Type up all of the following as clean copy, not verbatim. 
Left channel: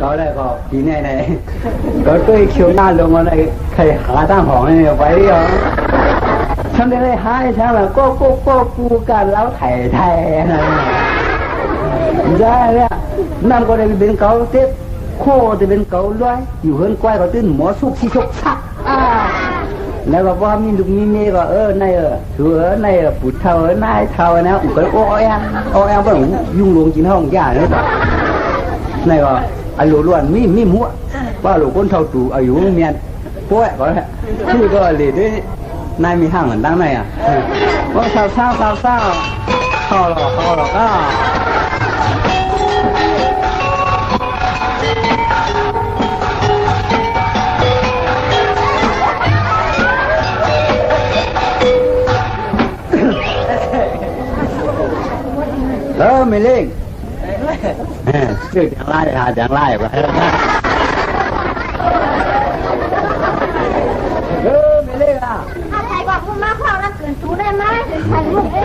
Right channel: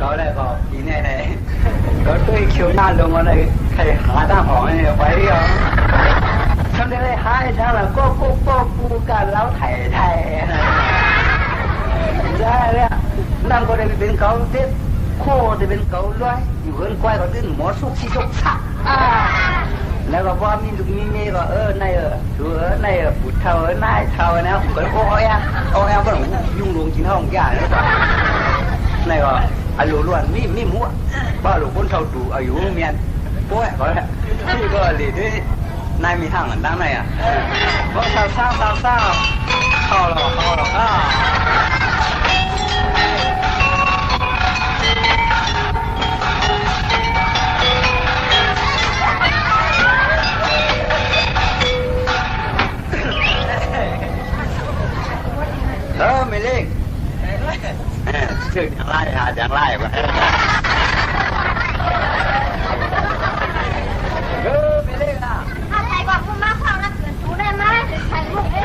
có đây có tí này này có tôi khiếu na luôn ở đây thầy há tam hỏi này vậy rồi xong đây hai tháng là cô cả lão thầy này ra đấy năm có đây bên cấu tiếp khô thì bên cấu loàiอยู่hơn quay có tên mỏ xúc xí xúc sắcแล้วก็ว่ามีลูกมีเมียก็ในถือในปุถเท่านายเท่านะอุก็โอ้ยก็ยุ่งลงกินห้องยาเลยในก็อายุล้วนมีหัวว่าลูกคนเท่าตู่อายุเมียนป่วยก็ที่ก็เลยด้วยนายมีห้างเหมือนตั้งไหนอ่ะว่าสาวเข้าหรอกก็ไม่เล่งชื่อจังไล่หาจังไล่ไปไม่เล่งอ่ะอะไรกว่าคุณมาพอแล้วเกินจูได้ไหมถ่ายรูปเป็น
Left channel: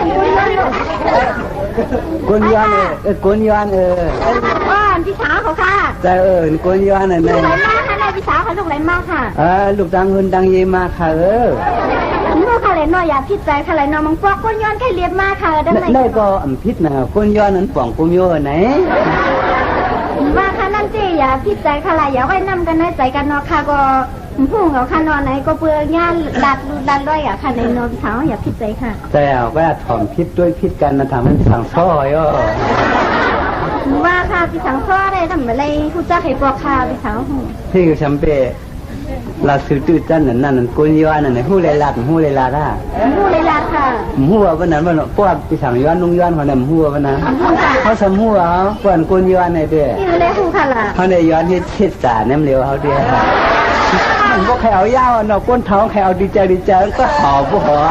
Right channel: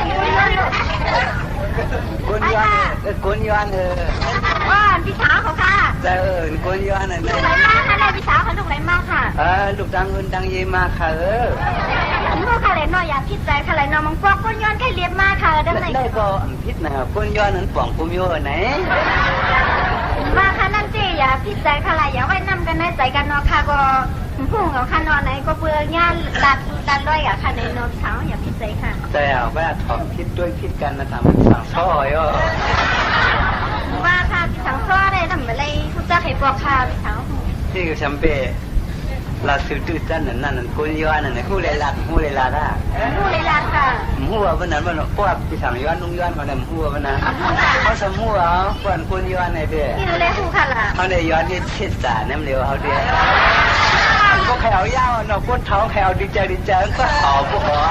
กุญยานกุญยานว่าพี่สาวเขาค่ะแต่กุญยานลูกไหลมากค่ะนายพี่สาวเขาลูกไหลมากค่ะลูกดังเงินดังเยมาค่ะลูกค่ะเลยน้อยอยากคิดใจค่ะเลยน้องมังกรกุญยานแค่เรียบมากค่ะได้ก็พิษนะกุญยานนั้นป่องกุญโยไหนว่าค่ะนั่นสิอย่าพิษใจค่ะเลยอย่าไว้นำกันในใจกันเนาะค่ะก็พุ่งเอาค่ะนอนไหนก็เบื่องานดัดด้วยอ่ะค่ะในนอนพี่สาวอย่าพิษใจค่ะแต่ว่าถ่อมพิษด้วยพิษกันนะทำให้สั่งซ้อยว่าค่ะพี่สังซ้อได้ทำอะไรผู้จ้าให้บอกค่ะพี่สาวที่คือชัมเป้ลาซื้อตื้อจันนั่นกุญยานนั่นหู้เลยลาอ่ะหู้เลยลาค่ะหู้วันนั้นมันพวกพี่สังย้อนลุงย้อนคนนั้นหู้วันนั้นเขาสมหู้เอาก่อนกุญยานในเด้ที่เลยหู้ค่ะล่ะเขาได้ย้อนที่ทิศสารน้ำเหลวเขาเดียวก็แขวยาวเนาะก้นเท้าแขวดีใจก็หอบผู้หัว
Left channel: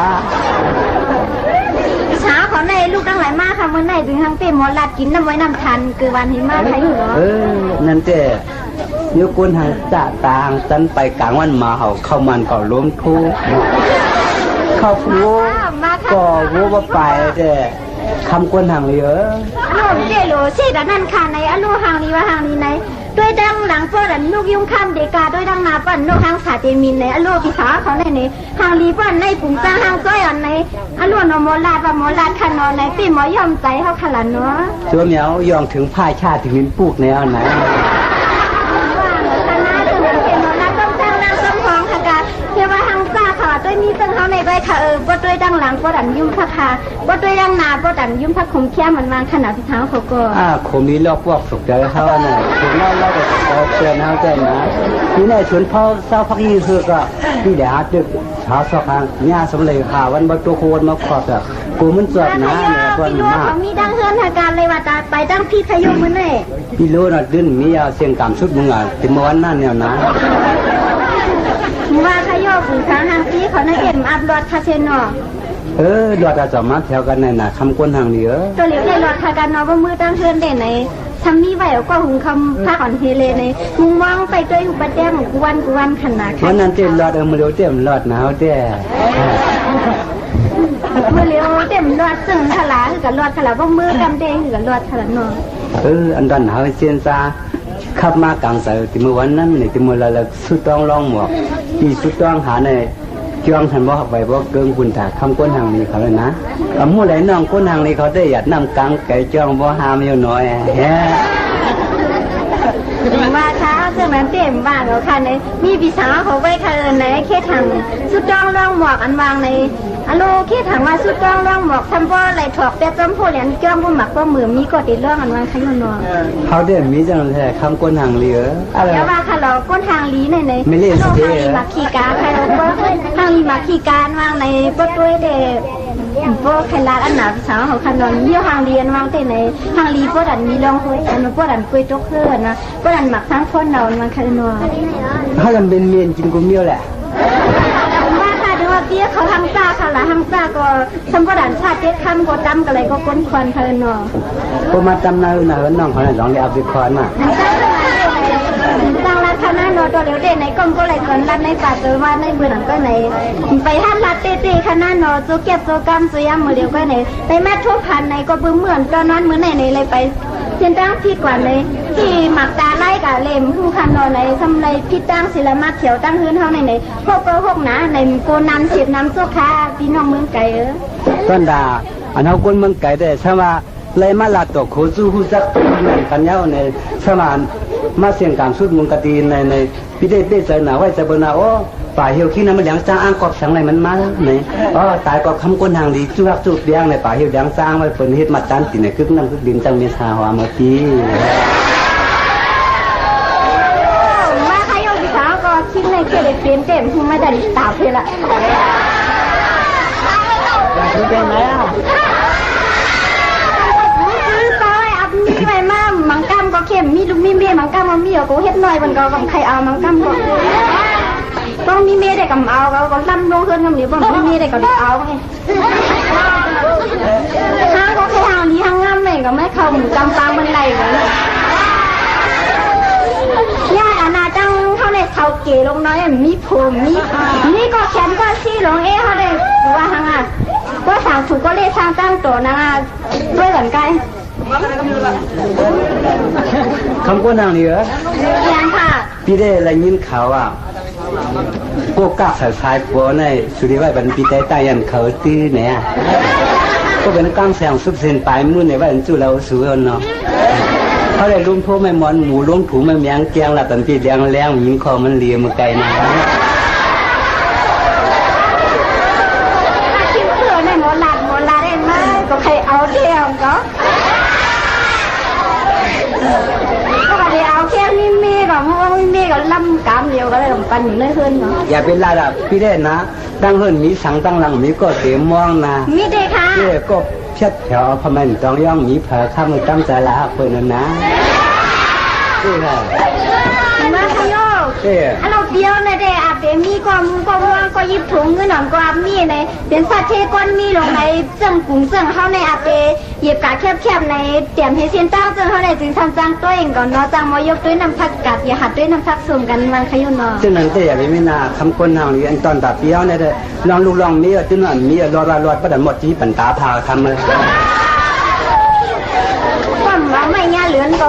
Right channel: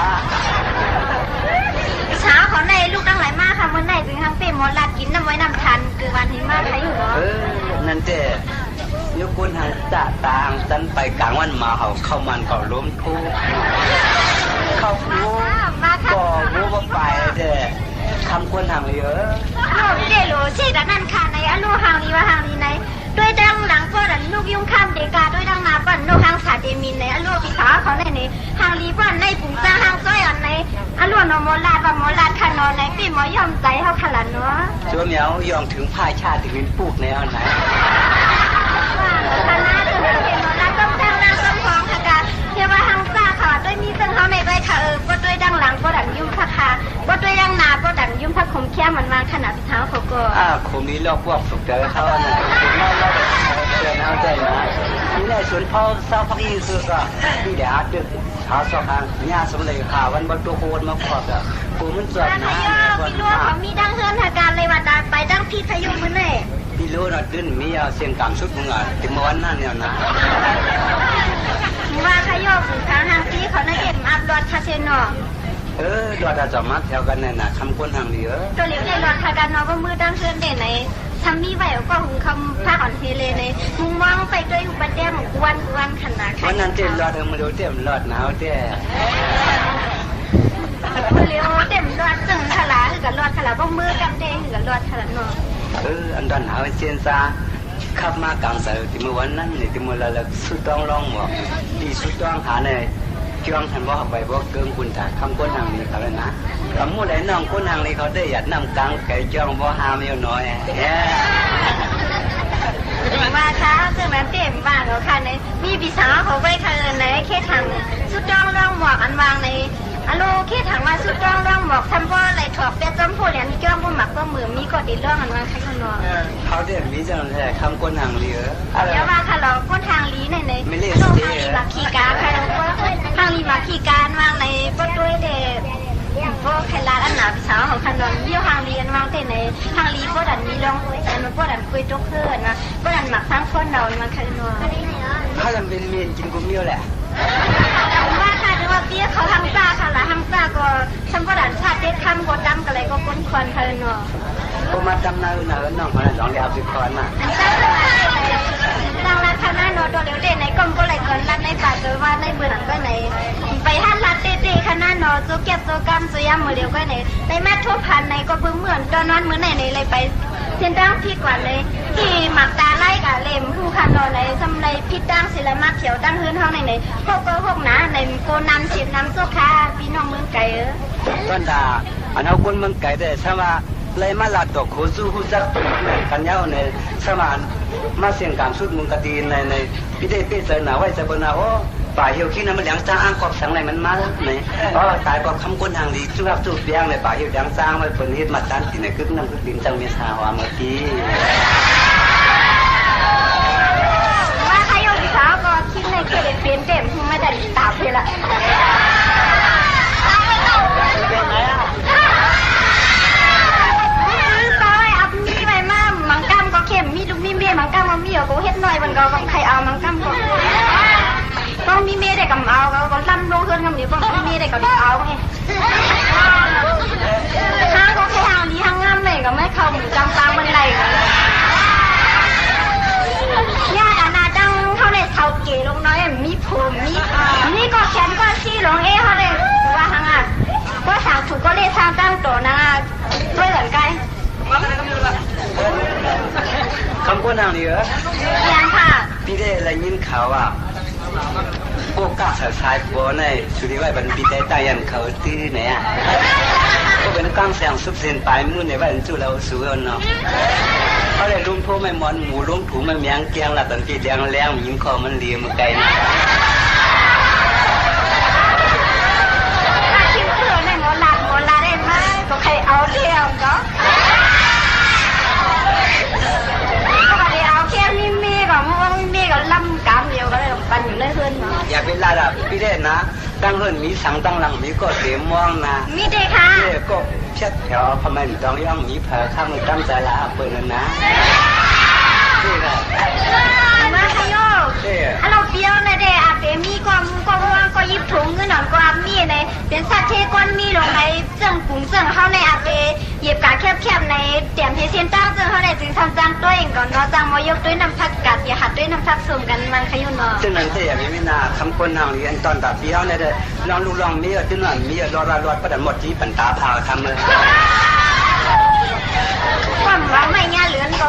เช้าเขาในลูกตั้งหลายมากค่ะเมื่อไหร่ถึงทั้งเป็นหมอลาดกินน้ำไว้น้ำทันคือวันที่มากใครอยู่เนาะนั่นเจ้ยกก้นทางจ่าตางจันไปกลางวันมาเขาเข้ามันก่อล้มทุกเข้าฟูก่อวัวไปเจ้คำก้นทางเหลือเจ้โหลเช่แต่นั่นค่ะในอลูหางนี้ว่าหางนี้ไหนด้วยดังหลังพ่อดันลูกยุ่งข้ามเดกาด้วยดังนาปั่นนกหางสาเจมินในอลูพิสาเขาในนี้หางลีปั่นในปุ่มจ้างหางจ้อยอันในอลูนมอลาดว่าหมอลาดขนอนในปีหมอยอมใจเขาขลันเนาะชัวเหมียวยองถึงผ้าชาติถึงมินปูกในอันไหนว่าคณะจะเป็นหมอลาดต้องจ้างนางต้องของค่ะกาเทว่าหางจ้าค่ะด้วยมีซึ่งเขาในใบค่ะก็ด้วยดังหลังก็ดันยุ่มค่ะค่ะก็ด้วยดังนาก็ดันยุ่มพักขมเขี้ยมันวางขนาดพิท้าเขาก็ขมนี้ลอกพวกสุกเดี๋ยวเขาอันไหนถึงเล่าเชิญเขาใจนะที่ในสวนพ่อเศร้าพักยี่คือก็ที่เดี๋ยวหาตึกหาสอกหางเนี่ยสำเร็จหาวันบัตัวโคนมาขอบแบบกูมันจอดนะเนี่ยคนมากมีดังเฮือนหาการเลยว่าจะไปดังพี่พยุมันเลยพี่รู้นะดิ้นมียาเสียงกำสุดมึงอ่ะถึงเมื่อวันนั้นเนี่ยนะว่าขยอผูกทางหางซีเขาในเอ็มอัพรถคาเชนเนาะรถอาจจะมาแถวกันในน่ะคำก้นทางเหลือตัวเหลียวในรถคากันเนาะว่ามือตั้งเฮือนเด่นไหนทำมีไหวก็หุงคำผ้าอ่อนเทเลในมุงว่างไปด้วยหุบแต้มกวนขนาดวันนั้นเต็มรถมือเดียวเต็มรถหนาวเต้มือเลี้ยวเต็มรถซึ่งขลาคือกับรถขลาว่ามือกำเด้คือกับรถขลาเนาะอันดันหาเซียนซาขับมากลางสายที่เมื่อวันนั้นเนี่ยที่เมื่อเราสุดต้องลองหมวกที่สุดต้องหาในจ้องทันว่าไปว่าเกินคุณถาคำก้นทางนี้เขาเลยนะเอามู่ไหนน้องก้นทางนี้เขาได้หยัดนำกลางไก่จ้องว่าหามอยู่น้อยว่าเช้าซึ่งนั้นเต็มบ้านเขาค่ะในมีพี่สาวเขาไว้ค่ะในแค่ทางสุดต้องลองหมวกอันวางในอโลแค่ทางว่าสุดต้องลองหมวกทำว่าอะไรถอดเป็ดจำโพเหรียญจ้องบ่หมักบ่มือมีก็ติดเรื่องอันวางขยุนนองเขาเด่นมีจังเลยคำก้นทางเหลือแต่ว่าค่ะเราก้นทางลีในไม่เรียกทางลีมาขี่กาใครเราก็ทางลีมาขี่การวางในปดด้วยเด็กพวกใครร้านอันหนาสาวของขนมเยี่ยวทางเรียนวางแต่ในทางลีพวกดันมีรองคุยอันพวกดันคุยตกเพื่อนนะพวกดันหมักทั้งคนเรามันขนมถ้าจำเป็นเมียนกินกุ้งเมี่ยวแหละว่าค่ะดูว่าเปี้ยเขาทำซ่าค่ะละทำซ่าก็ฉันพวกดันชาติเจ็ดคำก็จำกันเลยก็ก้นควันขนมพวกมาจำนาน้องเขาเลยลองเรียกไปคอนมาดังรัฐนาโนตัวเหลียวเด่นในกรมก็เลยเกินรัฐในป่าเจอว่าในเบื่อหนังก็ไหนไปท่านรัฐเต้ๆขนาดโนจูเก็บโจกรรมจุยามมือเดียวก็ไหนในแม่ทั่วพันในก็เบื่อเหมือนตอนนั้นมือไหนเลยไปเส้นตั้งที่กว่าใน ที่หมักตาไล่กับเลมผู้คันนอนในทำในพิษตั้งศิลมาเขียวตั้งฮื้นเท่าในพวกก็พวกหนาในโกนันเสียบน้ำโซคาพี่น้องเมืองไก่ต้นดาอันเอาคนเมืองไก่แต่ใช่ว่าเลยมาลาตกโคสู้หูจักกันเย้าในสมานมาเสียงการสุดมุงกตีในพี่ได้เป้ใจหนาไว้ใจบนาโอ้ป่าเหี่ยวขี้น้ำมันเหลียงจ้างอ้างกอบสังไหนมันมาไหนอ๋อตายก็คำก้นทางดีจุกจุกเลี้ยงในป่าเหี่ยวเหลียงจ้างไว้เปิดเฮ็ดมาตันติในกึกน้ำกึกดินจังเมษาหัวเมื่อกี้มาใครโยกิสาวก็คิดในเกล็ดเปลี่ยนเต็มไม่ได้ตาเพละเป็นไงอ่ะมีไปมามังกำก็เข้มมีลูกมีเมียมังกำมันมีก็เฮ็ดหน่อยมันก็บังใครเอามังกำก็ต้องมีเมียได้กับเอาก็ล่ำลงเฮือนกับนี่บ่มีเมียได้ก็ได้เอาไงห้างก็แค่ห้างนี้ห้างงามเลยก็ไม่เข้าหมู่จำปางมันไหลกันย่าอาณาจังเขาได้เท่าเก๋ลงน้อยมีผมมีนี่ก็แขนก็ซี่ลงเขาได้ว่าห้างอ่ะก็สั่งถูกก็เลยสร้างตั้งตัวนางด้วยเหมือนกันคำก้นทางนี้เหรอยังค่ะพี่ได้อะไรยินข่าวว่าพวกกักสายบัวในสุริวัยบรรพีได้ตายันเขาตื้อเนี่ยก็เป็นกลางแสงซุบเซนปลายมือในว่าจุเราสูงเนาะเขาได้ลุมพวกไม่มอนหมูลุมถูไม่เมียงแกงละตันปีแดงแรงยิงคอมันเลียมือไกลนะคิดเผื่อในหมอลาได้ไหมก็ใครเอาเดียวก็เอาแค่มีเมฆก็มีเมฆก็ล่ำกามเดียวก็เลยปันอยู่ในเฮือนเนาะอย่าเป็นลาดับพี่ได้นะตั้งเฮือนมีสังตั้งหลังมีก็เตะมองนะมีเด็กค่ะเด็กก็เพียดแถวพมันต้องย่องมีเผอข้ามมือตั้งใจละเปิดนะนี่แหละมาขยโเราเบี้ยวในเดอาเปมีก็มูก็ว่างก็ยิบถุงเงินหนองก็อามีในเป็นสัตว์เทก้อนมีลงในเจิงกุ้งเจิงเข้าในอาเปเหยียบกาแคบๆในเตรียมให้เส้นตั้งเจิงเข้าในจึงทำจังตัวเองก่อนเนาะจังมายกด้วยน้ำผักกัดอย่าหัดด้วยน้ำผักสุ่มกันมันขยุนเนาะจึงนั้นแต่อย่าไปไม่นาคำคนทางนี้อันตอนตัดเบี้ยวในเด้ลองลูกลองมีจึงนั้นมีรอดประดันหมดที่ปันตาพาทำเลยว่าไม่ง่ายเหลือนก็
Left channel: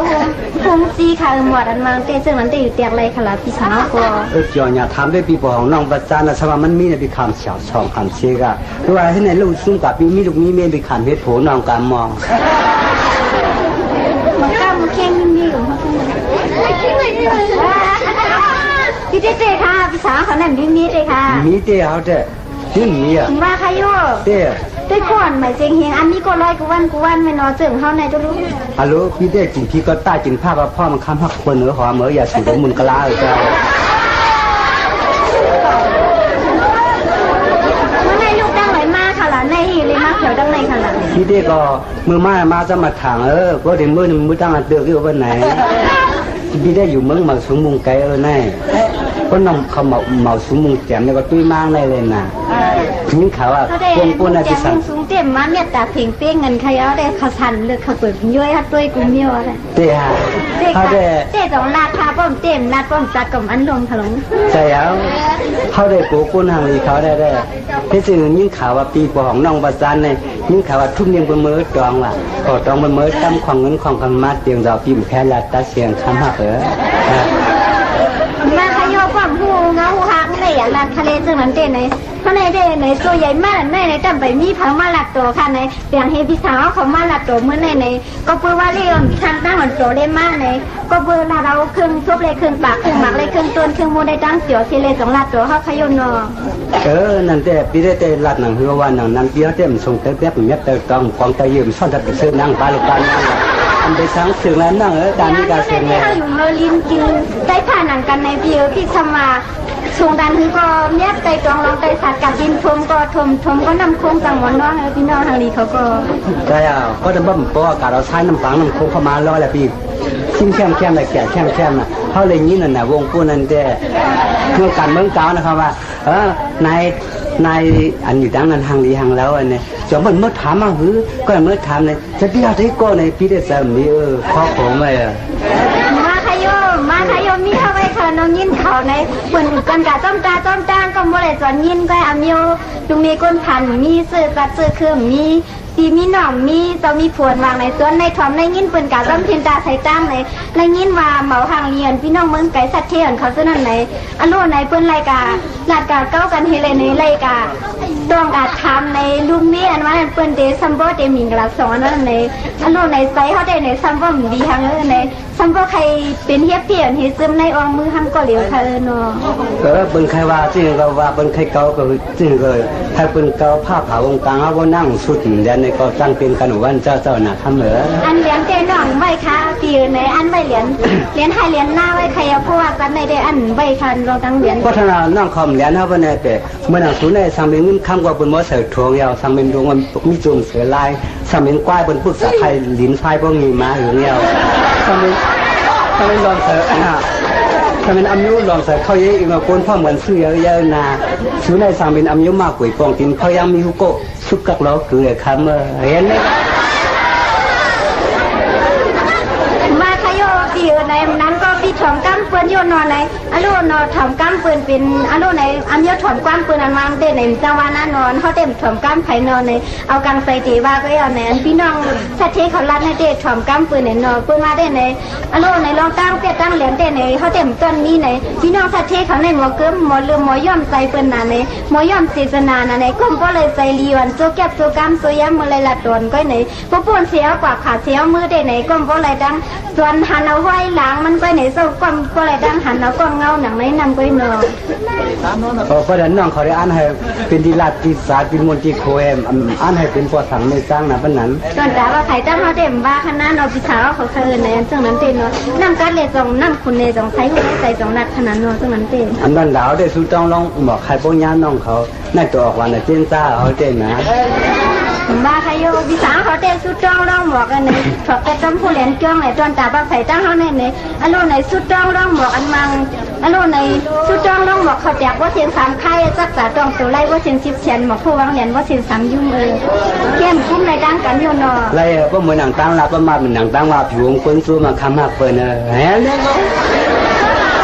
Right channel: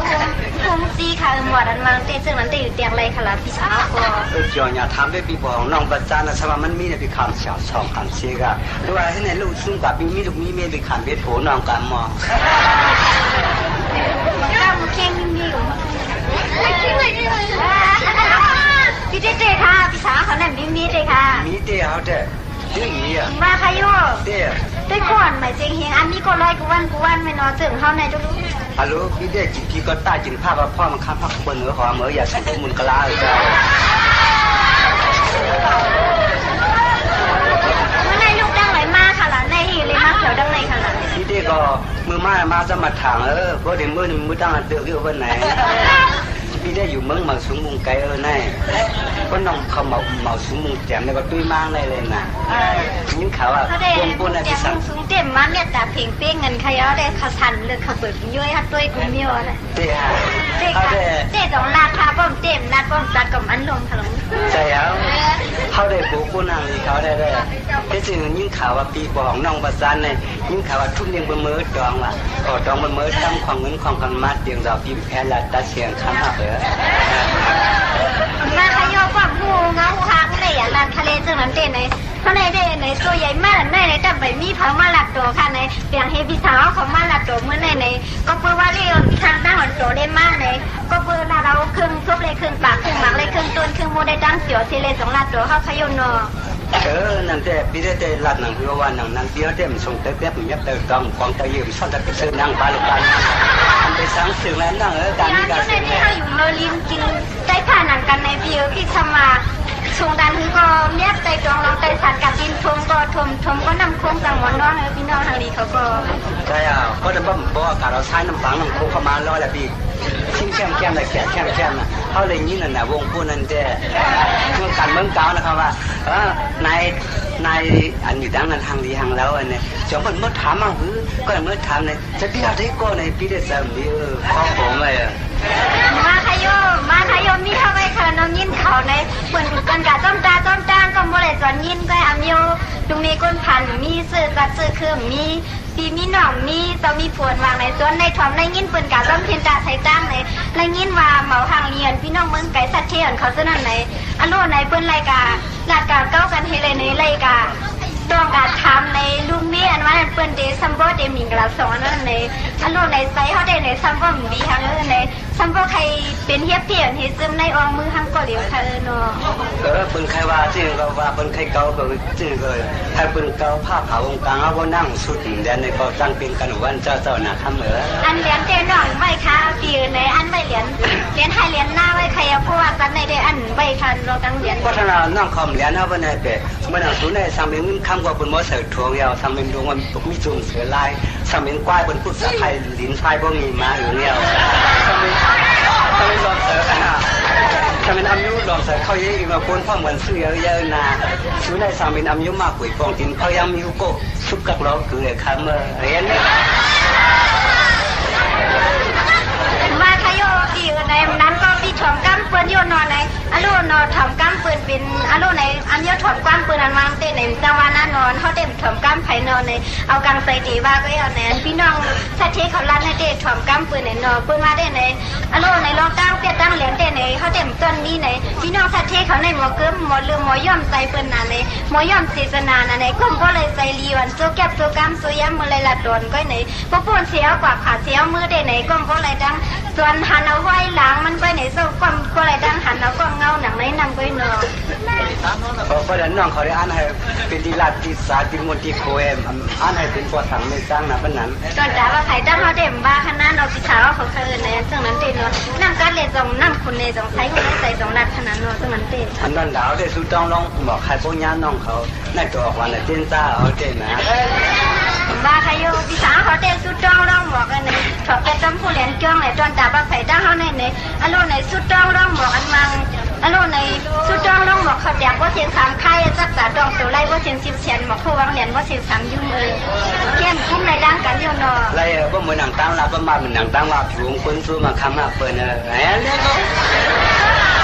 คงซีค่ะหมดอันมาเตซึ่งมันจะอยู่เตียงไรขลาพี่สาวก็เจ้าอย่าทำด้วยปีบของน้องประจานนะสว่ามันมีในปีคำเฉาช่องคำเชกะหรือว่าให้ในลูกซุ่มกับมีลูกมีเมียปีคำเพชรโผน้องการมองมันก้ามเข่งมีอยู่พี่เต้ค่ะพี่สาวเขานั่นมีเลยค่ะมีเต้เอาเต้ที่มีอ่ะมาค่ะโยเต้ด้วยก่อนหมายเจงเฮงอันนี้ก็ร้อยกวันไม่นอนเจิงเข้าในจะรู้ฮัลโหลพี่ได้กินพี่ก็ต้ากินผ้าว่าพ่อมันค้ำหักคนเหนือหอมเหมืออย่าสูงมุนกะลาเลยจ้าเมื่อในลูกดังไหลมากค่ะล่ะในหีเลยมากเขียวดังในค่ะล่ะพี่ได้ก็มือมาจะมาถางก็เดี๋ยวมือตั้งอันเดือดอยู่วันไหนพี่ได้อยู่เมืองมาสูงมุงไกลแน่ก็น้องเขาเมาสูงมุงแจ่มเนี่ยก็ตุ้ยมากเลยนะยิ่งข่าวว่าปูนอะไรสั่งสูงเต็มมาเนี่ยแต่เพียงเป้งเงินใครเอาได้เขาทันเลยเขาเปิดย้อยฮัดด้วยกุ้งเมียวอะไรเต้ฮะเขาได้สองลาดพาป้อมเต็มลาดป้อมจัดกับอันลงถลุงใช่แล้วเขาได้ปูปูนทางนี้เขาได้ที่จริงยิ่งข่าวว่าปีของน้องประจันเนี่ยยิ่งข่าวว่าทุ่มยังบนมือดองว่ะก็ดองบนมือตั้มของเงินของกันมาเตียงเราปีแพ้ละตาเสียงคำหักมาขยอความหูเงาหูหักในอย่างลานทะเลซึ่งนั้นเด่นในเขาในเด่นในตัวใหญ่มากในจำไปมีพังมาหลักตัวค่ะในเปียงเฮพิสาวเขามาหลักตัวเมื่อในก็เพื่อว่าเรื่องทางตั้งหัวโจได้มากในก็เพื่อเราเครื่องทุบเลยเครื่องปากเครื่องหมักเลยเครื่องต้นเครื่องมูได้ตั้งเสียวเซเลสองหลักตัวเขาขยนอนั่นแต่ปีได้แต่หลักหนังหัววันหนังนั้นเปี้ยวเต็มส่งเต็มเต็มเงียบเต็มกองกองตะยืมซ่อนจะไปซื้อนั่งปลาลูกปลาไปสังสื่อแล้วนั่งการนี้การเสียงเลยเขาอยู่เฮลินกินได้ผ่านหนังกันในวิวที่ทำมาชงดันคือก็เนี้ยใจตรงลองใจสัตว์กับดินทมก็ทมก็นำโค้งจังหวัดน้องพี่น้องทางนี้เขาก็ใช่ก็จะบ่มเพราะอากาศเราใช้น้ำปังน้ำโค้งเข้ามาล้อแหละพี่ชิ้นแค่แต่แก่แค่นะเขาเลยนี้นั่นน่ะวงปูนั่นแต่เมื่อการเมืองเก่านะครับว่านายอันอยู่ดังนั้นทางดีทางแล้วอันนี้จอมมันเมื่อถามมาหือก็เมื่อถามเนี่ยจะพี่เอาที่ก็ในพี่ได้สามีข้อผมเลยมาขยมมีเข้าไปเธอน้องยินเขาในเหมือนกันกะจ้อมจ้างก็บ่ได้จอนยินก็อามิวตรงนี้ก้นพันมีซื้อกัดซื้อเครื่องมี ปีมีหน่อมมีต้องมีผวนวางในส่วนในถ่อมในยินเปิ้นกะร่ำเพียนตาใส่ตั้งในในยินว่าเหมาหางเรียนพี่น้องเมืองไก่สัตว์เทียนเขาซะนั่นไหนอันโลในเปิ้นรายกาลาดกาเก้ากันเฮเลยในรายกาต้องการทำในลุงมีอันว่าเปิ้นเดซัมโบเดมิงกะสองอันนั้นในอันโลในไซเขาได้ในซัมโบมีทางในซัมโบใครเป็นเฮียเปลี่ยนเฮซึมในอองมือทำก็เหลียวค่ะเนาะเปิ้นใครว่าจริงก็ว่าเปิ้นใครเก่าก็จริงก็ถ้าเปิ้นเก่าผ้าขาววงกลางเอาบ่นั่งสุดแล้วในก็ตั้งเป็นกันวันเจ้าน่ะคำเหรออันเหรียญเต้นน้องไว้ค่ะปีในอันไว้เหรียญให้เหรียญหน้าไว้ใครเพราะว่ากันในได้อันไว้คันเราตั้งเหรียญเพราะฉะนั้นน้องคอมเหรียญเฮาบ่ได้แต่เมื่อนั้นสุในสังเป็นเงินคำกว่าเปิ้นบ่เสิร์ชทวงยาวสังเป็นดวงมันมีจุ่มเสือลายสังเป็นกว้ายเปิ้นพูดภาษาไทยลิ้นไฟบ่มีมาหรือยาวสังเป็นลองเสิร์ชถ้าเป็นอายุลองเสิร์ชเขาเยอะอีกมาคนพ่อเหมือนซื้อเยอะนะสุในสังเป็นอายุมากกว่าปองกินเขายังมีฮุโกสุกกักล้อคือคำเห็นมั้ยมาขยโยปีในนั้นก็พี่ถ่อมกั้มเปิ้นโยนอนในอโลนอถ่อมกั้มเปิ้นเป็นอโลในอันโยถ่อมกั้มเปิ้นอันวางเต้ในจังหวะนั้นนอนเขาเต็มถ่อมกั้มไผนอนในเอากังใส่ตีว่าก็เอาแหนพี่น้องสัตว์ที่เขาลัดในเต้ถ่อมกั้มเปิ้นในนอเปิ้นมาได้ในอโลในรองตั้งเปียตั้งเหรียญเต้ในเขาเต็มต้นนี้ในพี่น้องสัตว์ที่เขาในหมอเกิ้มหมอเรือหมอย่อมใส่เปิ้นน่ะในหมอย่อมเสนาน่ะในก้มก็เลยใส่ลีวันโซแก็บโซกัมโซยามมื้อเลยละตนก็ในบ่ป่นเสียกว่าขาเสียมือได้ในก้มก็เลยดังส่วนหันเอาไว้หลังมันก็ในโซก้มก็เลยดังหันเอาก้มเงาหนังในนำก็เนาะเพราะฉะนั้นน้องเขาได้อ่านให้เป็นดีลาติศาสตร์เป็นมนติโคเอมอ่านให้เป็นภาษาไม่สร้างนะปานนั้นตอนแต่ว่าใครตั้งเขาเต็มว่าคณะเนาะพิชาเขาเคยในจังนั้นเต็มเนาะนำการเลยจงนำคุณในจงใช้คนใส่จงรัดขนาดเนาะจังนั้นเต็มอันนั้นดาวได้สู้ต้องลองบอกใครพวกย่าน้องเขาในตัวออกวันน่ะเจนซ่าเอาเต็มนะว่าใครโยพิชาเขาเต็มสู้ต้องลองบอกกันในถอดแต่ต้องผู้เรียนจ้องในตอนแต่ว่าใครตั้งเขาในอโลในสู้ต้องลองบอกอันมังอโลในสู้ต้องลองบอกเขาแจกว่าเสียง3ค่ายจักษาตองตัวไล่ว่าเสียง10เสียนหมอกผู้วางเหรียญว่าเสียง3ยุ่งเข้มคุ้มในดังกันอยู่เนาะไล่ก็เหมือนหนังตั้งลาประมาณเหมือนหนังตั้งว่าผิวของคนสู้มาคำหักเปิ้นแหมเนี่ย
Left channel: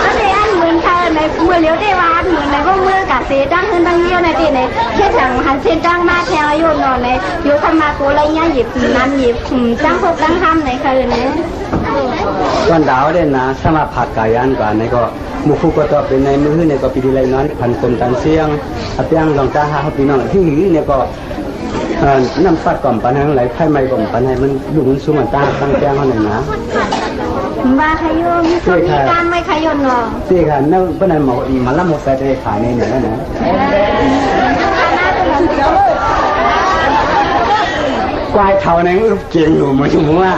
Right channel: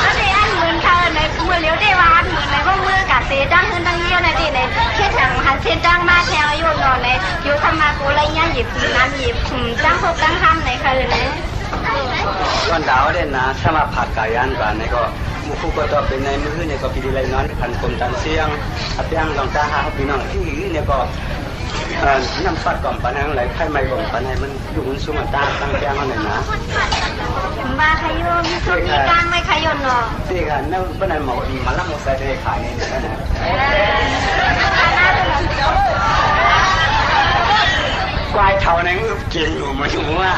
อันนี้อันเหมือนค่ะในมือเลี้ยวได้ว่าเหมือนในว่ามือกะเสดังขึ้นดังเยี่ยวในที่ในแค่ถังหันเส้นดังมาแทงอายุนอนในอยู่ขมากูไรเงี้ยหยิบน้ำหยิบจังพกจังห้ามในค่ะเลยตอนดาวเด่นนะสมาผัดกายันกว่าในก็มุคุก็ต่อเป็นในมือเนี่ยก็ปีดีไรน้อยพันตรงกันเสียงเปียงลองตาหาพี่น้องที่หือเนี่ยก็น้ำฟัดก่อนปันให้ไหลไข่ไม่ก่อนปันให้มันลุกมันสู้มันตาตั้งแป้งเขาหน่อยนะมาขยมมีการไม่ขยมเนาะที่ค่ะนั่นเป็นอะไรหมอมาละหมดใส่ในขายนี่เนี่ยนะกวายเท่านั้นเก่งอยู่มั้ยชั่วว่า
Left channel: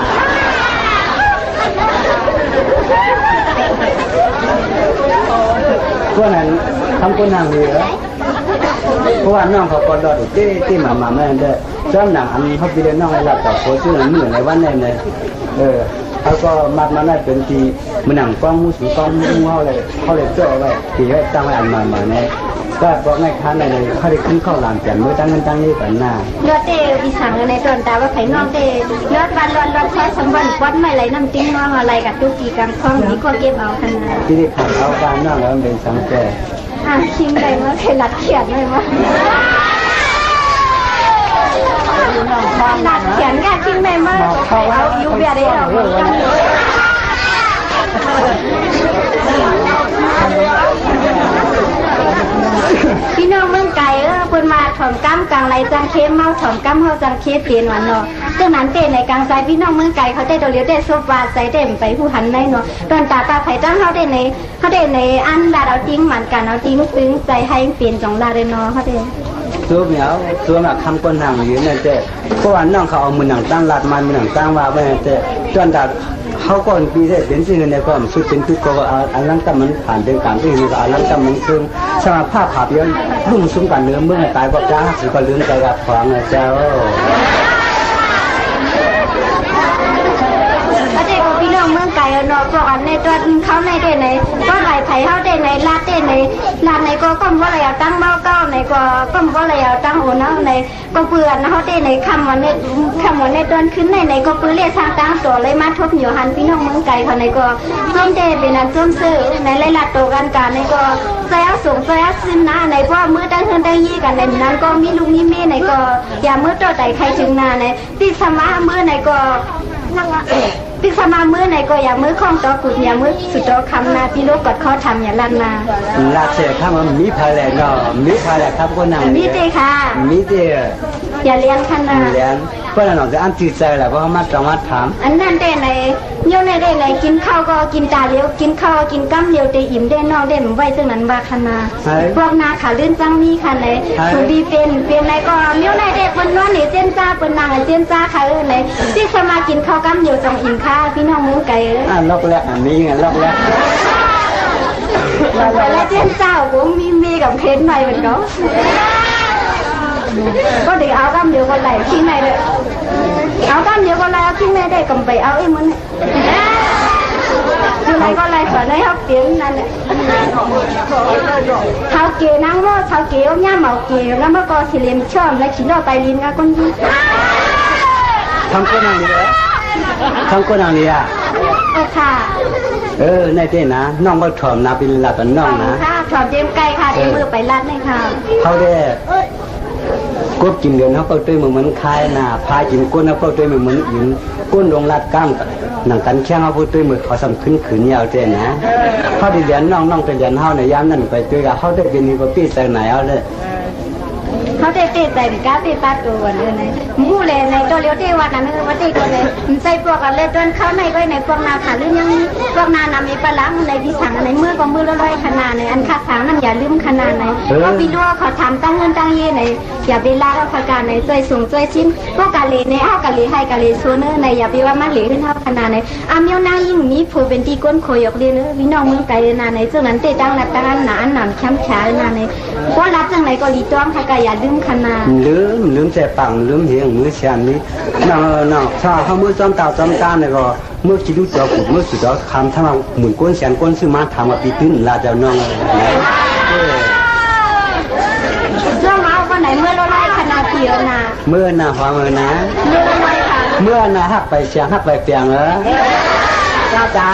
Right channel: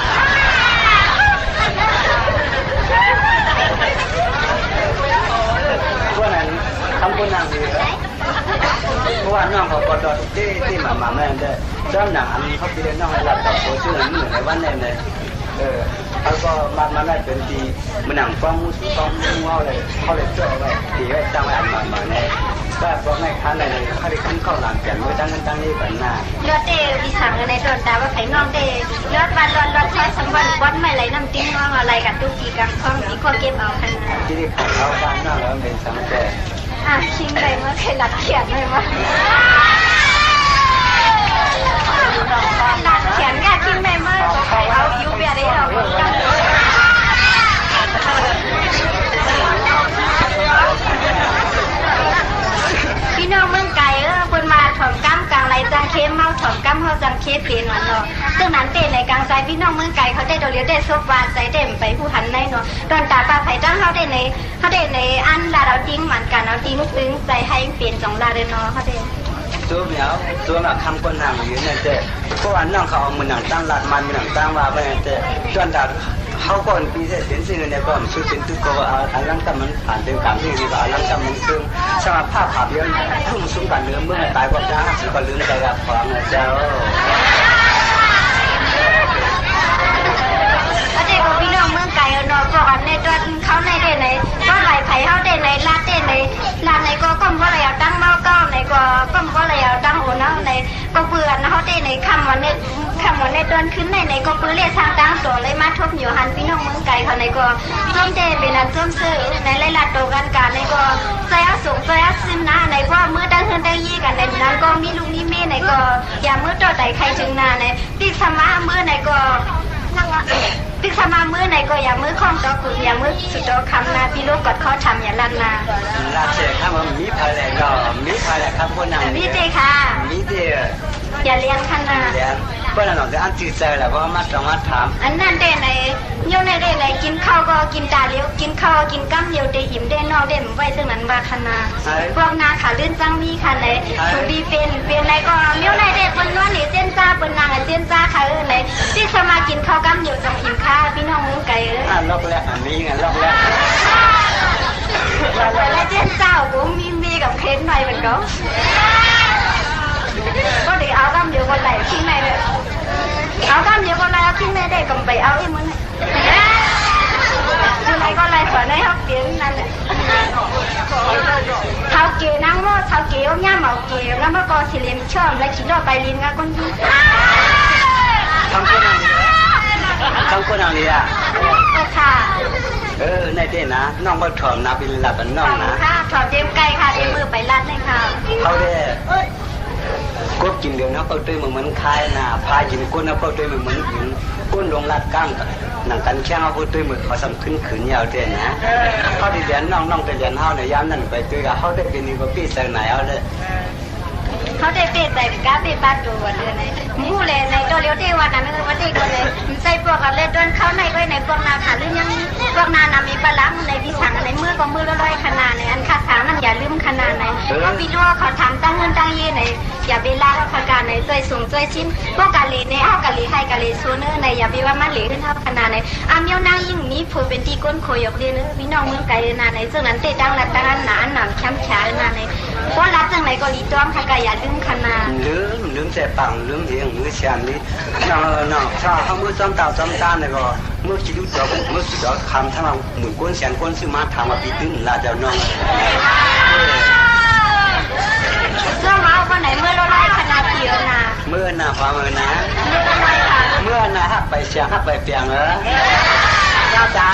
พวกนั้นทำคนนางดีเหรอเพราะว่าน้องเขาก็ดอดที่มาแม่เด้อจ้าหนังอันเขาไปเล่นน้องให้หลับต่อโคชื่อเหมือนในวันนั้นเลยเขาก็มาได้เป็นทีมันหนังฟ้องมูสูฟ้องมูเขาเลยเจ้าไว้ทีไว้ตั้งไว้อันมาเนี่ยก็เพราะง่ายค้าในเขาได้ขึ้นเข้าหลังเปลี่ยนมือตั้งนี้กันหน้าเลือดเตะอีสังในตอนตาว่าไข่น้องเตะเลือดวันร้อนใช้สมบัติวัดไม่ไหลน้ำติ้งน้องอะไรกับตุกีกันคล้องนี้ก็เก็บเอาขนาดที่ได้ขายเอาการน้องแล้วเป็นสังเกตชิงไปเมื่อเคยหลัดเขียนเลยมั้ยหลัดเขียนแค่ชิงไปเมื่อใครเอายูเบียได้หรอพี่น้องเมืองไก่คนมาถ่อมกั้มกลางไรจังเข้มเมาถ่อมกั้มเขาจังเข้มเปลี่ยนวันเนาะจังนั้นเต้ในกลางใจพี่น้องเมืองไก่เขาได้โดเลียวได้ซบวาใส่เต็มไปผู้หันได้เนาะตอนตาปลาไผ่ตั้งเขาได้ในอันดาเราติ้งเหมือนกันเอาติ้งซึ้งใจให้เปลี่ยนจงดาเดนเนาะเขาได้ตัวเหมียวตัวมาคำก้นหางอยู่นั่นเจ้เพราะว่าน้องเขาเอามือหนังตั้งลาดมันมือหนังตั้งว่าไม่เจ้จนดาเขาก่อนปีเสร็จเป็นสิ่งในความสุดเป็นตุกก็อันลังกำมันผ่านเป็นกลางที่นี่ก็อันลังกำมันซึ่งสมาภาพภาพเยอะรุ่งซุ้มกันเนื้อเมื่อตายก็จ้าสิก็ลืมใจกับของเจ้าพี่น้องเมืองไก่เนาะก่อนในตัวเขาในเด่นในก็ไหลไผ่ ยเฮาได้ในลาดได้ในลาดในก็ก้มว่าอะไรตั้งเมาเก้าในก็ก้มว่าอะไรตั้งโอนะในก็เปื่อนเฮาได้ในคำวันในตอนขึ้นในก็เปื่อเรียกทางตั้งตัวเลยมาทบอยู่หันพี่น้องเมืองไกลเขาในก็ส้มเดเป็นอันส้มซื้อในไล่ลาดโตกันการในก็ใส่สูงใส่ซึมนะในเพราะมือตั้งเฮือนตั้งยี่กันในนั้นก็มีลุงมีเมในก็อย่ามือต่อใจใครจึงนาในติสมามือในก็ติสมามือในก็อย่ามือคล้องต่อกุดอย่ามือสุดต่อคำนาพี่ลูกกดข้อทำอย่าลันนาลาเสียข้ามันมีพาแหลกก็มีพาแหลกครับก็นั่งมีเตค่ะมีเตอย่าเลี้ยงขนาดเลี้ยงก็นั่นหรอกจะอันจีใจแหละเพราะมาจังหวัดถามอันนั้นได้ไหนโยนได้ไหนกินข้าวก็กินตาเลี้ยวกินข้าวกินกั้มเลี้ยวได้อิ่มได้นอกได้ไว้ตึงนั้นว่าขนาดพวกนาขาลื่นจังมีค่ะไหนคุณดีเป็นไหนก็เลี้ยวไหนได้คนนวลหรือเส้นจ้าเป็นนางเส้นจ้าค่ะไหนที่สมากินข้าวกั้มเลี้ยวจังอิ่มค่ะพี่น้องเมืองไก่ลอกแล้วมีไงลอกแล้วแล้วเส้นเจ้าผมมีกับเค้นหน่อยเหมือนกันก็เดี๋ยวเอากั้มเลี้ยวก็ไหลทิ้งในเลยเอากั้มเลี้ยวก็ไหลเอาทิ้งในได้กำไปเอาไอ้มันอะไรก็ไรสอนให้เขาเก่งนั่นแหละเขาเก่งนั่งว่าเขาเก่งย่าเหมาเก่งแล้วเมื่อก่อนสิเลียมชอบและขินออกไปลินกันคนดีทำคนอะไรทำคนอะไรอ่ะค่ะในเต้นะน้องก็ถอมนาเป็นหลับเป็นน้องนะค่ะถอมเจมไก่ค่ะเจมมือไปรัดเลยค่ะเขาได้กบกินเดือนเขาก็ด้วยเหมือนคายนะพากินก้นเขาก็ด้วยเหมือนหินก้นลงลัดก้ามหนังกันแข้งเขาพูดด้วยมือเขาสั่งขึ้นขืนยาวเต้นะเขาได้เรียนน้องแต่เรียนเขาในย้ำนั่นไปด้วยกับเขาได้เป็นนี่ก็ปีใส่ไหนเอาเลยเขาได้เตะใจก้าเตะปาตัวเลยในมูเลยในตัวเลี้ยวเตะวันนั้นว่าเตะก็เลยใส่พวกกันเลยจนเข้าในก็ในพวกนาขาลื่นยังพวกนานามีปลาในที่สั่งในมือก็มือละร้อยขนาดในอันคาถางนั่นอย่าลืมขนาดในเขาพี่รู้ว่าเขาทำตั้งเงินตั้งเย่ในอย่าไปล่าเขาการในช่วยสูงช่วยชิ้นพวกกะลีในเอากะลีให้กะลีซูเนอร์ในอย่าไปว่ามันเหลือขึ้นเท่าขนาดในอาเมียวนางยิ่งมีผู้เป็นที่ก้นโคยกเรียนพี่น้องเมืองไกลนาในซึ่งนั้นเตะตั้งหลักตั้งหนาหนามแคมป์ช้านาในเพราะรับจังไหนก็รีต้อมค่ะกะอย่าลืมขนาดลืมแต่ปังลืมเหียงมือเชียนนี้น้องถ้าเขามือจอมตาจอมตาเนี่ยก็เมื่อคิดดูตัวผมเมื่อสุดยอดคำถ้าเราหมุนก้นเชียนก้นซื้อมาทำมาปีตื้นลาเจ้าน้องเสื้อมาวันไหนเมื่อเราไล่ขนาดเดียวนะเมื่อน่ะพอเมื่อนะเมื่อไรค่ะเมื่อน่ะหักไปเชียงหักไปเปียงเหรอจ้า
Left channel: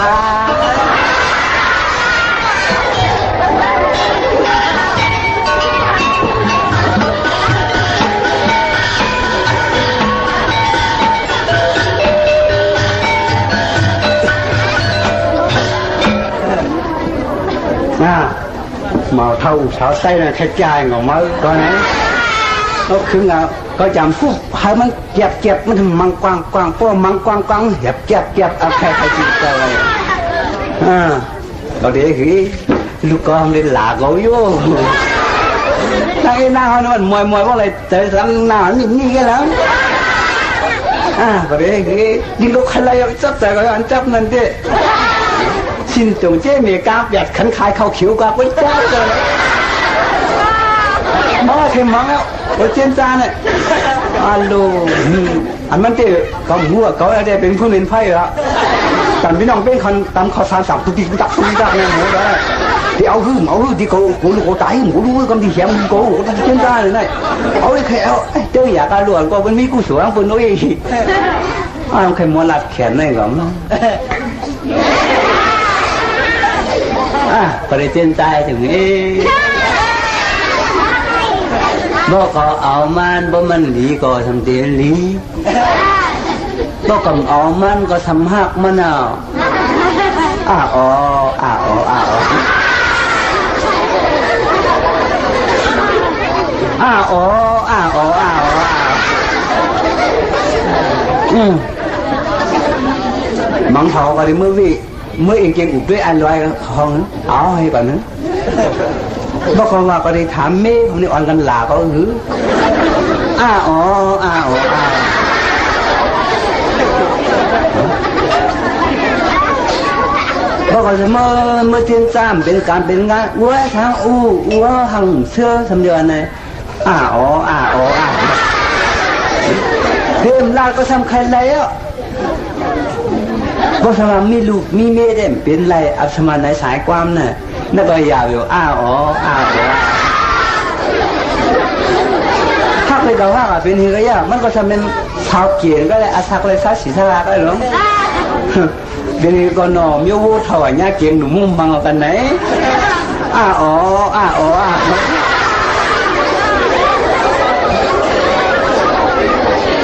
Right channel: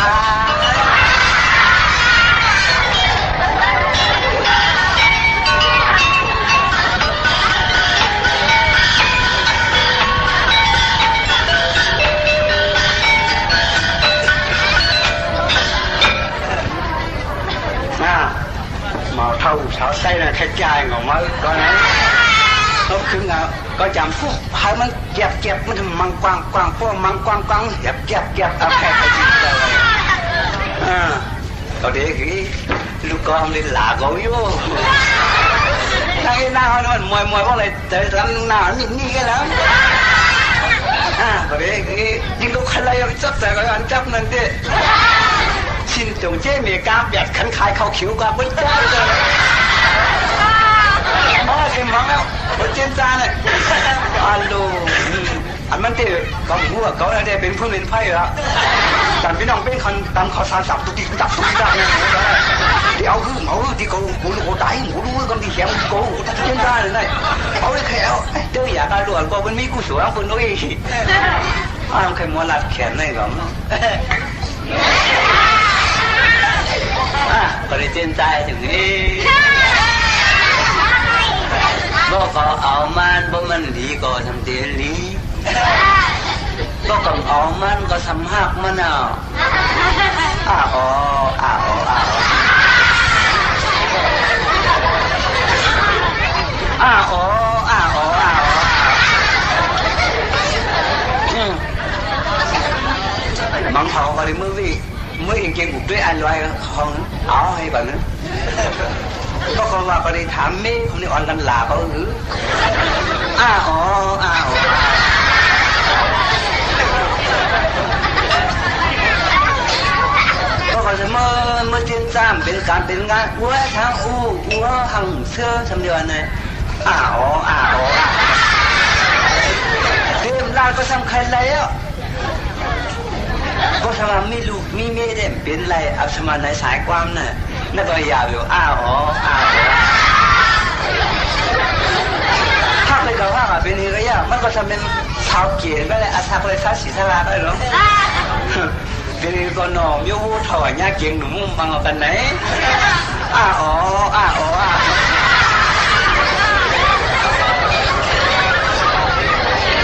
mà thâu sao say là cái chai ngồi mới coi này nó cứ ngờ có chạm phút hai măng kẹpมันมังกวางพวกมังกวางเก็บเอาแค่ไปจิตเลยก็เดี๋ยวคือลูกก็ทำได้หลาเขาอยู่ทางไอ้หน้าเขาเนี่ยมันมวยว่าอะไรแต่ทางหน้านี่กันแล้วก็เดี๋ยวคือยิงลูกใครเอาจับแต่ก็อันจับนั่นดิxin tổng chế mì cá bẹt khấn khai khâu khiếu qua quên quá rồi mà thêm món á ở trên da này alo anhมันเตะก็หัวก็ได้เป็นผู้เล่นไพ่แล้วแต่พี่น้องเป็นคนตามข้อสารสับตุกติกตักตุกตักเนี่ยที่เอาหื้อที่กูลูกตายกูรู้กันที่แขมกูเช่นได้เลยนะเอาเลยแค่เอาเจออยากการหลวนก็เป็นมีกูสวยคนนู้นอีกเอาแค่มอลัดแขนนี่ก่อนก็ได้เต้นใจถึงนี้บ่ก็เอามันดีก็ทำเตียนลีบ่ก็เอามันก็ทำหักมันเอามังเผาก็ได้เมื่อเองเก่งอุดด้วยอันลอยห้องเอาให้ก่อนนะบอกเขาว่าก็ได้ถามเม่ผมนี่อ่อนกันหลาเขาหรือบอกเขาจะเมื่อเทียนซ้ำเป็นการเป็นงานวัวทางวัวหังเสื้อทำเดือนเลยเต็มลาก็ทำใครแล้วก็สมามีลูกมีเมียเด่นเป็นไรอับสมาในสายความน่ะ นั่นก็ยาวอยู่อ้าวอ๋ออ้าวถ้าไปกับว่าเป็นเฮียมันก็จะเป็นชาวเกียนก็เลยอาศักเลยซาสีสลาก็เลยหรอเดี๋ยวนี้ก็นอมยวูถอยญาเกียงหนุ่มมุ่งบังเอากันไหนอ้าวอ๋ออ้าวอ๋อ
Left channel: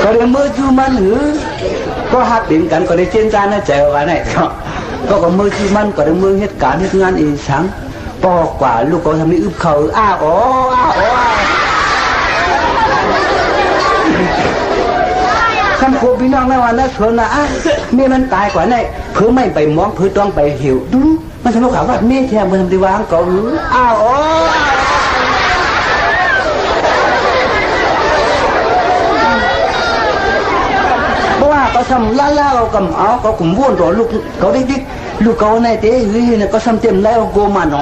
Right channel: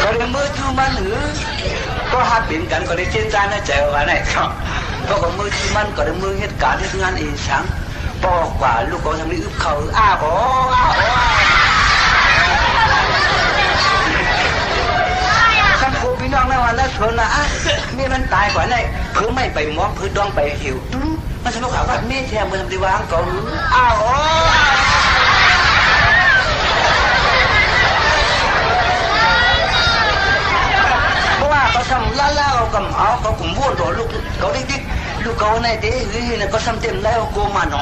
ก็เลยมือจูมันหรือก็หักเป็นกันก็ได้เจนจานให้ใจกันไหนก็มือจูมันก็ได้มือเหตุการณ์เหตุงานเองสังปอกว่าลูกก็ทำนี่อึบเขาอ้าวอ๋ออ้าวอ๋อขันโคพี่น้องในวันนั้นเพิ่นนะเมียมันตายกว่าไหนเพิ่งไม่ไปมองเพิ่งต้องไปหิวดูมันจะรู้ข่าวว่าเมียแทนมันทำดีวางก็อ้าวอ๋อก็ทำล่าเรากำเอาก็กลุ่มวุ่นตัวลูกเขาดิ๊กลูกเขาในเตะหื้อเนี่ยก็ทำเต็มแล้วโกมันหนอ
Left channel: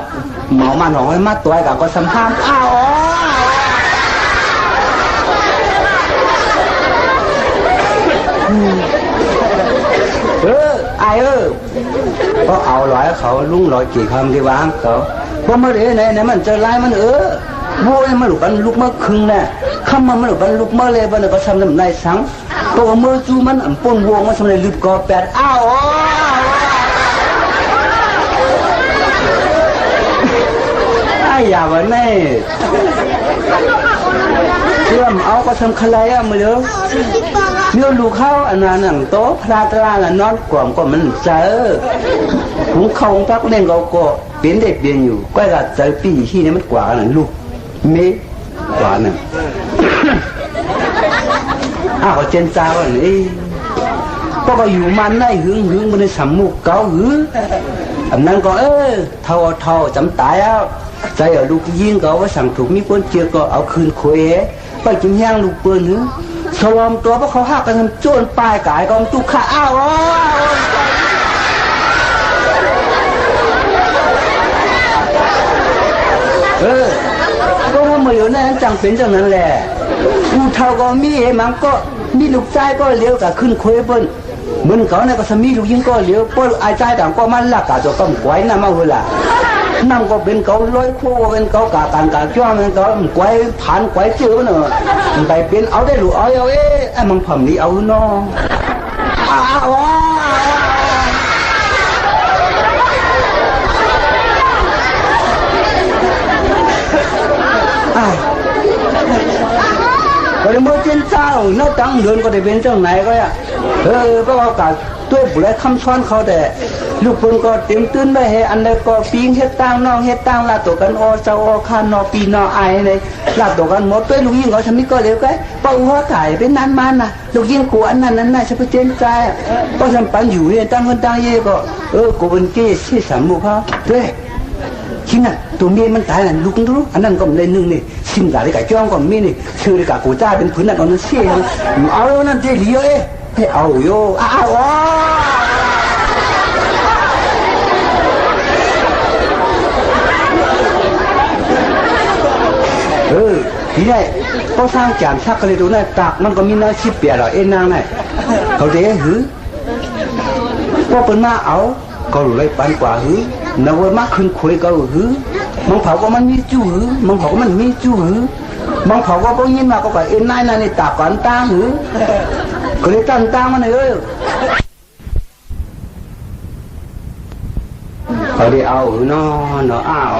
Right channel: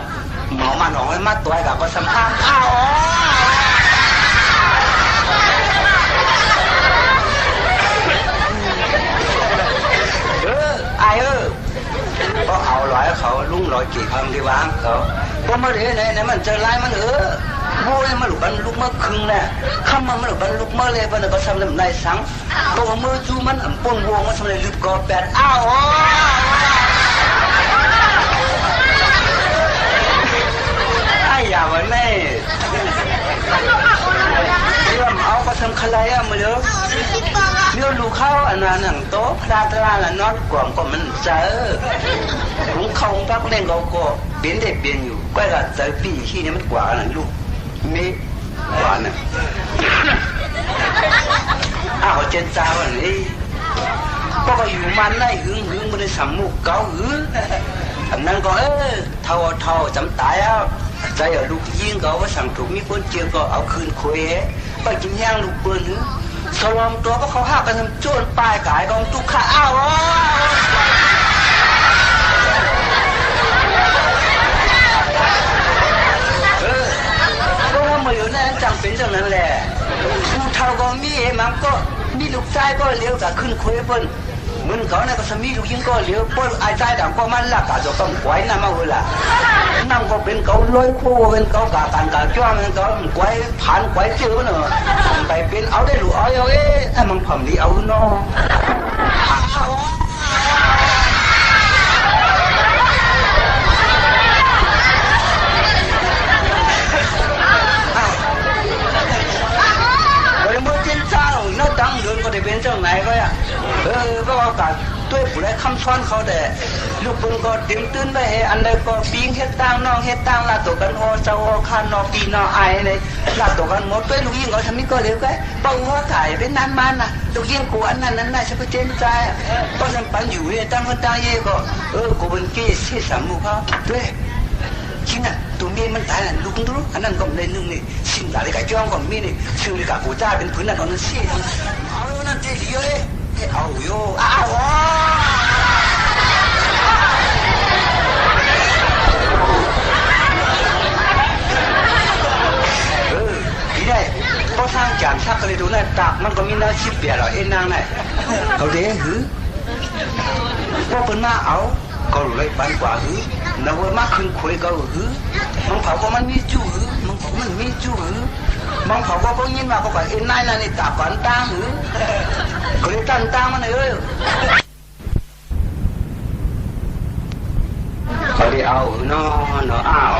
หมอมันหนอให้มาตัวกับก็ทำห้ามอ้าวไอก็เอาร้อยเขาลุงร้อยกี่คำที่วางเขาเพราะเมื่อเดี๋ยวไหนมันจะไล่มันโว้ยมันหลุดกันลุกเมื่อครึ่งน่ะคำมันหลุดกันลุกเมื่อเลยมันก็ทำน้ำในสังตัวเมื่อจูมันปนวงมันทำในลุดกอแปดอ้าวไอ้ยาวันนี้เชื่อมเอาก็ทำคลายมาเลยเมื่อลูกเข้าอันนั้นหนังโต๊ะพระตราละนอนกล่อมก็มันเจอหุงเขาพักเล่นก็เปลี่ยนได้เปลี่ยนอยู่ก็จะเจอปีที่นี่มันกว่าหนังลูกเมฆกว่าน่ะอ้าวเจนจ้าวันนี้ก็อยู่มันได้หึงมันในสามมุกเก่าอันนั้นก็เท่าจำตายอ่ะใจเอาลูกยิงก็ว่าสั่งถูกมีคนเจอก็เอาคืนคุยไปกินย่างลูกปืนนึสวมตัวเพราะเขาหักกันทำโจรปลายกายกองตุกขาอ้าวก็ทำมาอยู่นั่นจังเป็นจังนั้นแหละกูเท่าก็มีมันก็มีลูกชายก็เลี้ยวกับขึ้นคุยเปิ้ลเหมือนเขาเนี่ยก็สมีลูกยิงก็เลี้ยวเปิ้ลไอ้ใจต่างก็มันลักกะจะต้องไว้นั่นมาหัวละนั่งก็เป็นเขาลอยคู่เป็นเขากาการกาจ้าเป็นเขาไว้ผ่านไว้เจอเนอะไปเป็นเอาได้หรือเอาไอ้มันผมนี่เอาเนาะก็เลยมือเจนจ้าเนาะตั้งเดินก็ได้เป็นเจ้าไหนก็อ่ะก็เอาการตัวผู้ใดคำซ้อนเขาแต่ลูกเพิ่งก็เต็มตื้นไปให้อันใดก็ปีงเฮ็ดตั้งน้องเฮ็ดตั้งลาตัวกันเจ้าคานนอปีนอไอเลยลาตัวกันหมดตัวลูกยิงเขาทำนี่ก็เร็วก็ป้องหัวถ่ายเป็นนั้นมันน่ะลูกยิงกูอันนั้นน่ะเฉพาะเจนใจก็ทำปันอยู่เนี่ยตั้งคนตั้งเย่ก็กูเป็นเกศที่สามมุกเขาด้วยชิ้นน่ะตัวเมียมันตายน่ะลูกรู้อันนั้นก็เลยนึงนี่ชิ้นหลายกับจ้องก็มีนี่ชื่อกับกูจ้าเป็นผืนนั่นก็นั่นเสียเอานั่นเจดีให้เอาโยอ้าวทีนี้ก็สร้างจานชักกันเลยดูนะตักมันก็มีน้าชิบเปียหรอนางน่ะเขาเด้หือก็เป็นมาเอาก็รู้เลยปันกว่าหือนาวมาขึ้นคุยก็หือมังเผาก็มันมีจู่หือมังเผาก็มันมีจู่หือมังเผาก็ยินมาก็นายนั่นนี่ตักก่อนตาหือก็เลยตั้งตามันเลยก็ได้เอาเนาะอ้าว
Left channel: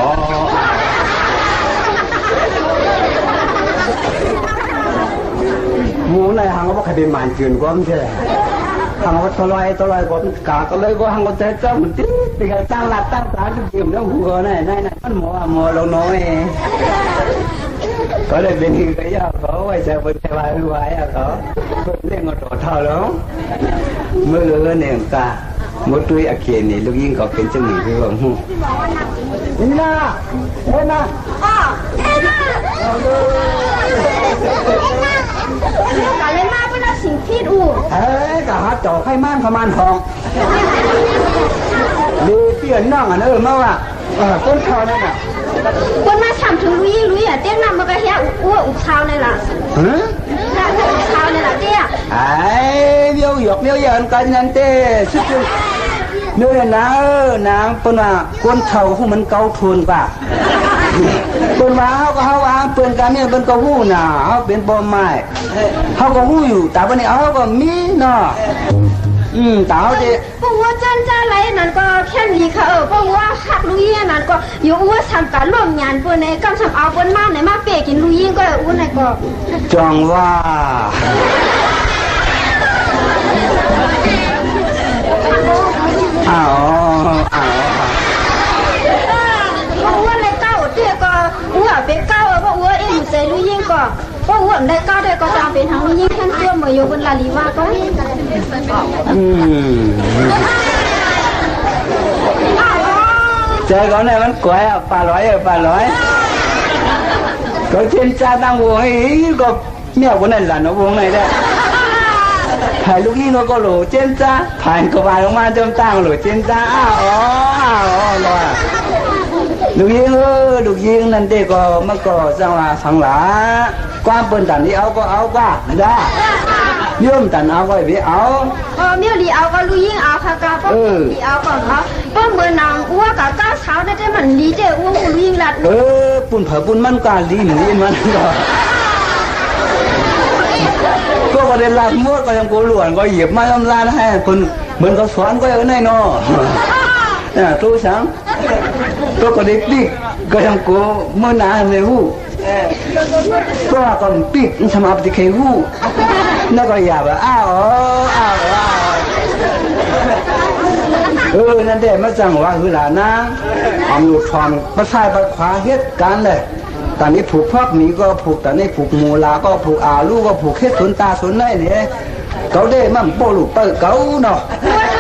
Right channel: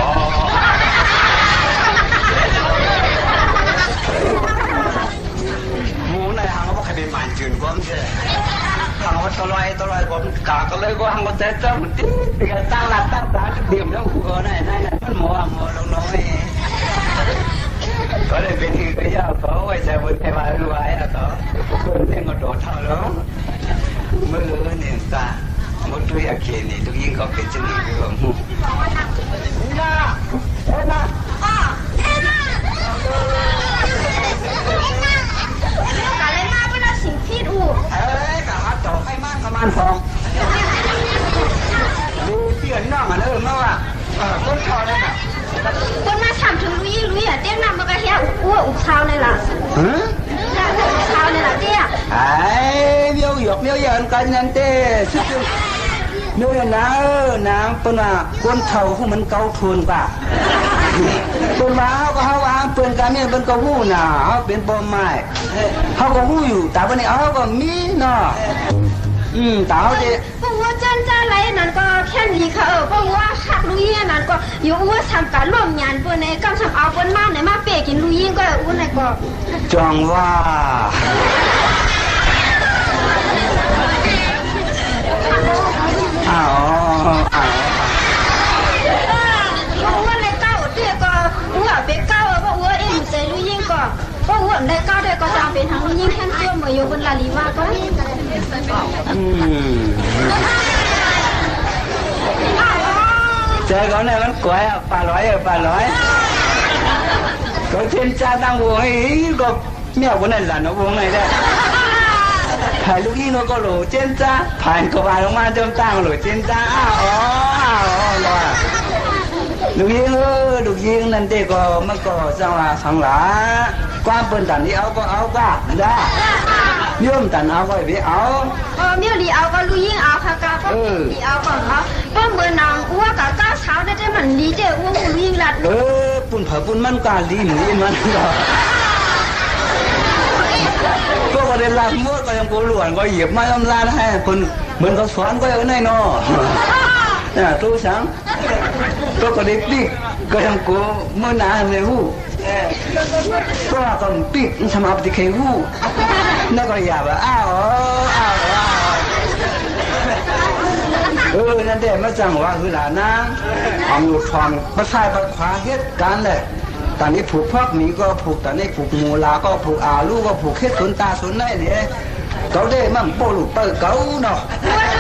หมูในหางก็ใครเป็นหมันจืดก็ไม่ใช่หางก็ตลอยก็กาก็เลยก็หางก็แต่เจ้ามันติดกันตั้งหลักตั้งตาก็เตรียมแล้วหัวนั่นมันหมอเราน้อยก็เลยเป็นที่ก็ยากเขาไว้ใช้บนเทวาไว้เขาเล่นก็โตเท่าแล้วเมื่อเนี่ยกาหมดด้วยอาเคนนี่ลูกยิงก็เป็นจังหวะที่ว่าหูน่าเห็นนะการเล่นมาเป็นสิ่งที่ดูกะหาจ่อไข่ม่านขมานทองดูเตี้ยนั่งมาว่าต้นเท้านั่นน่ะคนมาถามถึงลุยอ่ะเตี้ยนำมาไปเฮียอ้วอุกเช้าเลยล่ะเช้าเลยล่ะเตี้ยเบี้ยวหยอกเบี้ยวยันกันนั่นเต้สุด นู่นนะนางเปิ้นว่าก้นเท่าผู้มันเกาทุนป่ะเปิ้นว่าเฮาว่าเปิ้นกะเนี่ยเปิ้นก็ฮู้น่ะเฮาเป็นบ่ไม้เฮาก็ฮู้อยู่แต่วันนี้เฮาก็มีเนาะตาเจพวกว่าจันจ้าไรนั่นก็แค่นี้ค่ะพวกว่าคักลุยนั่นก็อยู่ว่าทำการร่วมงานปนในกำทำเอาปนมาไหนมาเปกินลุยก็อุ้นไหนก็จองว่าอ้าวพวกว่าในเก้าเตี้ยก็อ้วเป็นเก้าพวกว่าเอ็มใจลุยก็พวกว่าได้เก้าได้ก็จำเป็นทั้งลุยแค่เตี้ยมาอยู่บนลาลีว่าก็ใจเขาเนี่ยมันกล้วยปลาร้อยก็เช่นจ้าตั้งวงให้ก็เมียคนนั้นหลานวงไหนได้ถ่ายลูกนี่เราก็หลูเช่นจ้าผ่านก็ผ่านลงมาเติมตั้งหลูเช่นจ้าอ้าวรอลูกยิงนั่นเด็กก็มันก็จังหวะสังหลาความเปิ่นตันที่เอาก็เอาก็ได้ย่อมตันเอาก็ไปเอาเมียดีเอาก็ลุยยิงเอาค่ะกาป้ดีเอาก่อนเขาป้อมเบอร์นางอ้วกกับก้าวเช้าได้แต่มันดีเจ้อ้วกลุยยิงลัดปุ่นเผาปุ่นมันกาลีหนูอินมันก็ประเด็นหลักมดก็ยังโกหลวนก็เหยียบไม้ลำลานให้คนเหมือนเขาสอนก็ยังได้นอเนี่ยตู้ช้างตัวก็เด็กดิก็ยังโกเมื่อนาในหูก็ก็ปิดสมาปฏิเคหูนั่นก็อย่าแบบอ้าวนั่นเด็กมาจังว่าคือหลานนะความหลุดทองมาใส่มาขวาเหตุการณ์เลยตอนนี้ผูกพอกหมีก็ผูกตอนนี้ผูกมูลาก็ผูกอาลูก็ผูกเฮ็ดสนตาสนได้เนี่ยเขาได้มั่งโปลูกเปิดเก่าเนาะ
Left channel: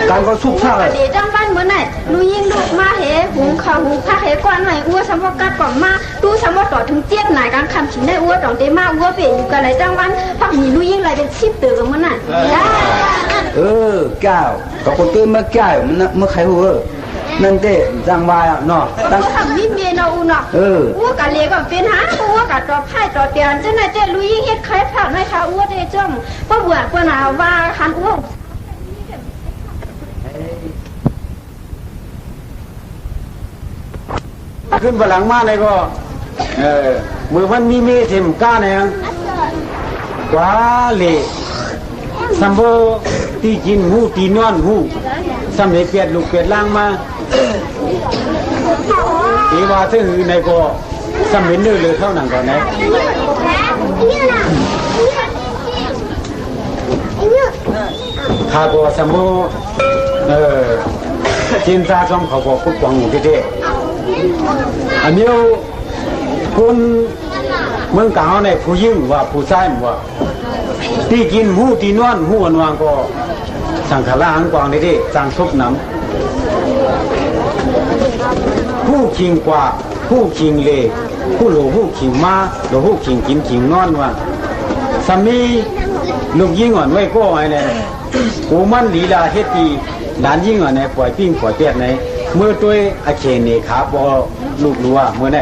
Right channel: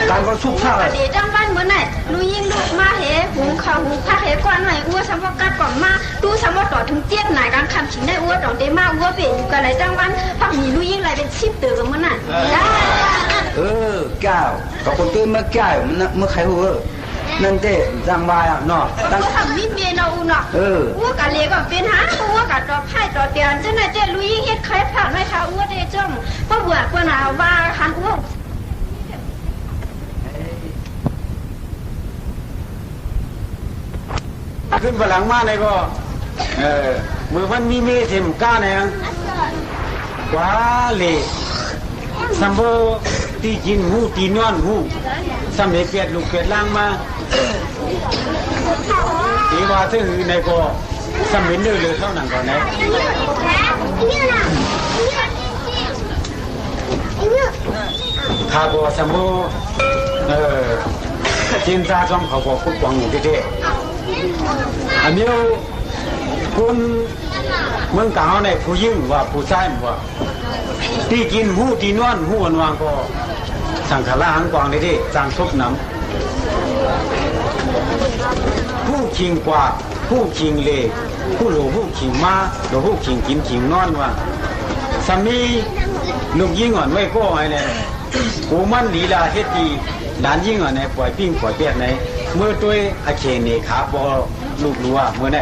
การก็สุกท่าเดี๋ยวจังบ้านเหมือนไหนลุยยิงลูกมาเหหุงข้าวหุงผ้าเหก้อนหน่อยอ้วสมว่ากัดก่อนมาตู้สมว่าต่อถึงเจี๊ยบไหนการคำฉินได้อ้วต่อเตมาอ้วเปลี่ยนอยู่กันไรจังบ้านพักมีลุยยิงไรเป็นชิปเตือนมันน่ะแก้วก็คนตื่นมาแก้วมันเมื่อใครหัวนั่นเด็จังวายเนาะตั้งทำมิเมนเอาเนาะอ้วกะเลี้ยก็เป็นหาอ้วกะต่อไพ่ต่อเตียนเจ้าหน้าเจ้ลุยยิงเฮ็ดใครผ่านไม่ค่ะอ้วเดจ้องก็เบื่อกว่าหนาว่าหันอ้วขึ้นฝรั่งมาเลยก็มือมันมีเมเทมก้าเนี่ยกว่าเลยสัมโบตีกินหูตีนอนหูสำเร็จเปียดลูกเปียดล่างมาตีว่าถึงในก็สำเร็จเลยเท่านั้นก่อนนะข้าก็สัมโบจินตาจอมเขาบอกพุทธวังอยู่ที่เด็กอันนี้คนเมืองกาญเนี่ยผู้ยิ่งว่าผู้ชายว่าที่กินหูที่นอนหูวันวางก็สังขารหังกวางนี่จางทุกน้ำผู้ขิงกว่าผู้ขิงเลผู้หลูผู้ขิงมาหลูผู้ขิงกินขิงนอนว่าสามีลูกยิ่งอ่อนไว้ก็ไงเนี่ยกูมันลีลาเฮ็ดดีหลานยิ่งอ่อนเนี่ยปล่อยปิ้งปล่อยเปียกไหนเมื่อตัวอาเขนเนขาบอลูกรัวเมื่อไหน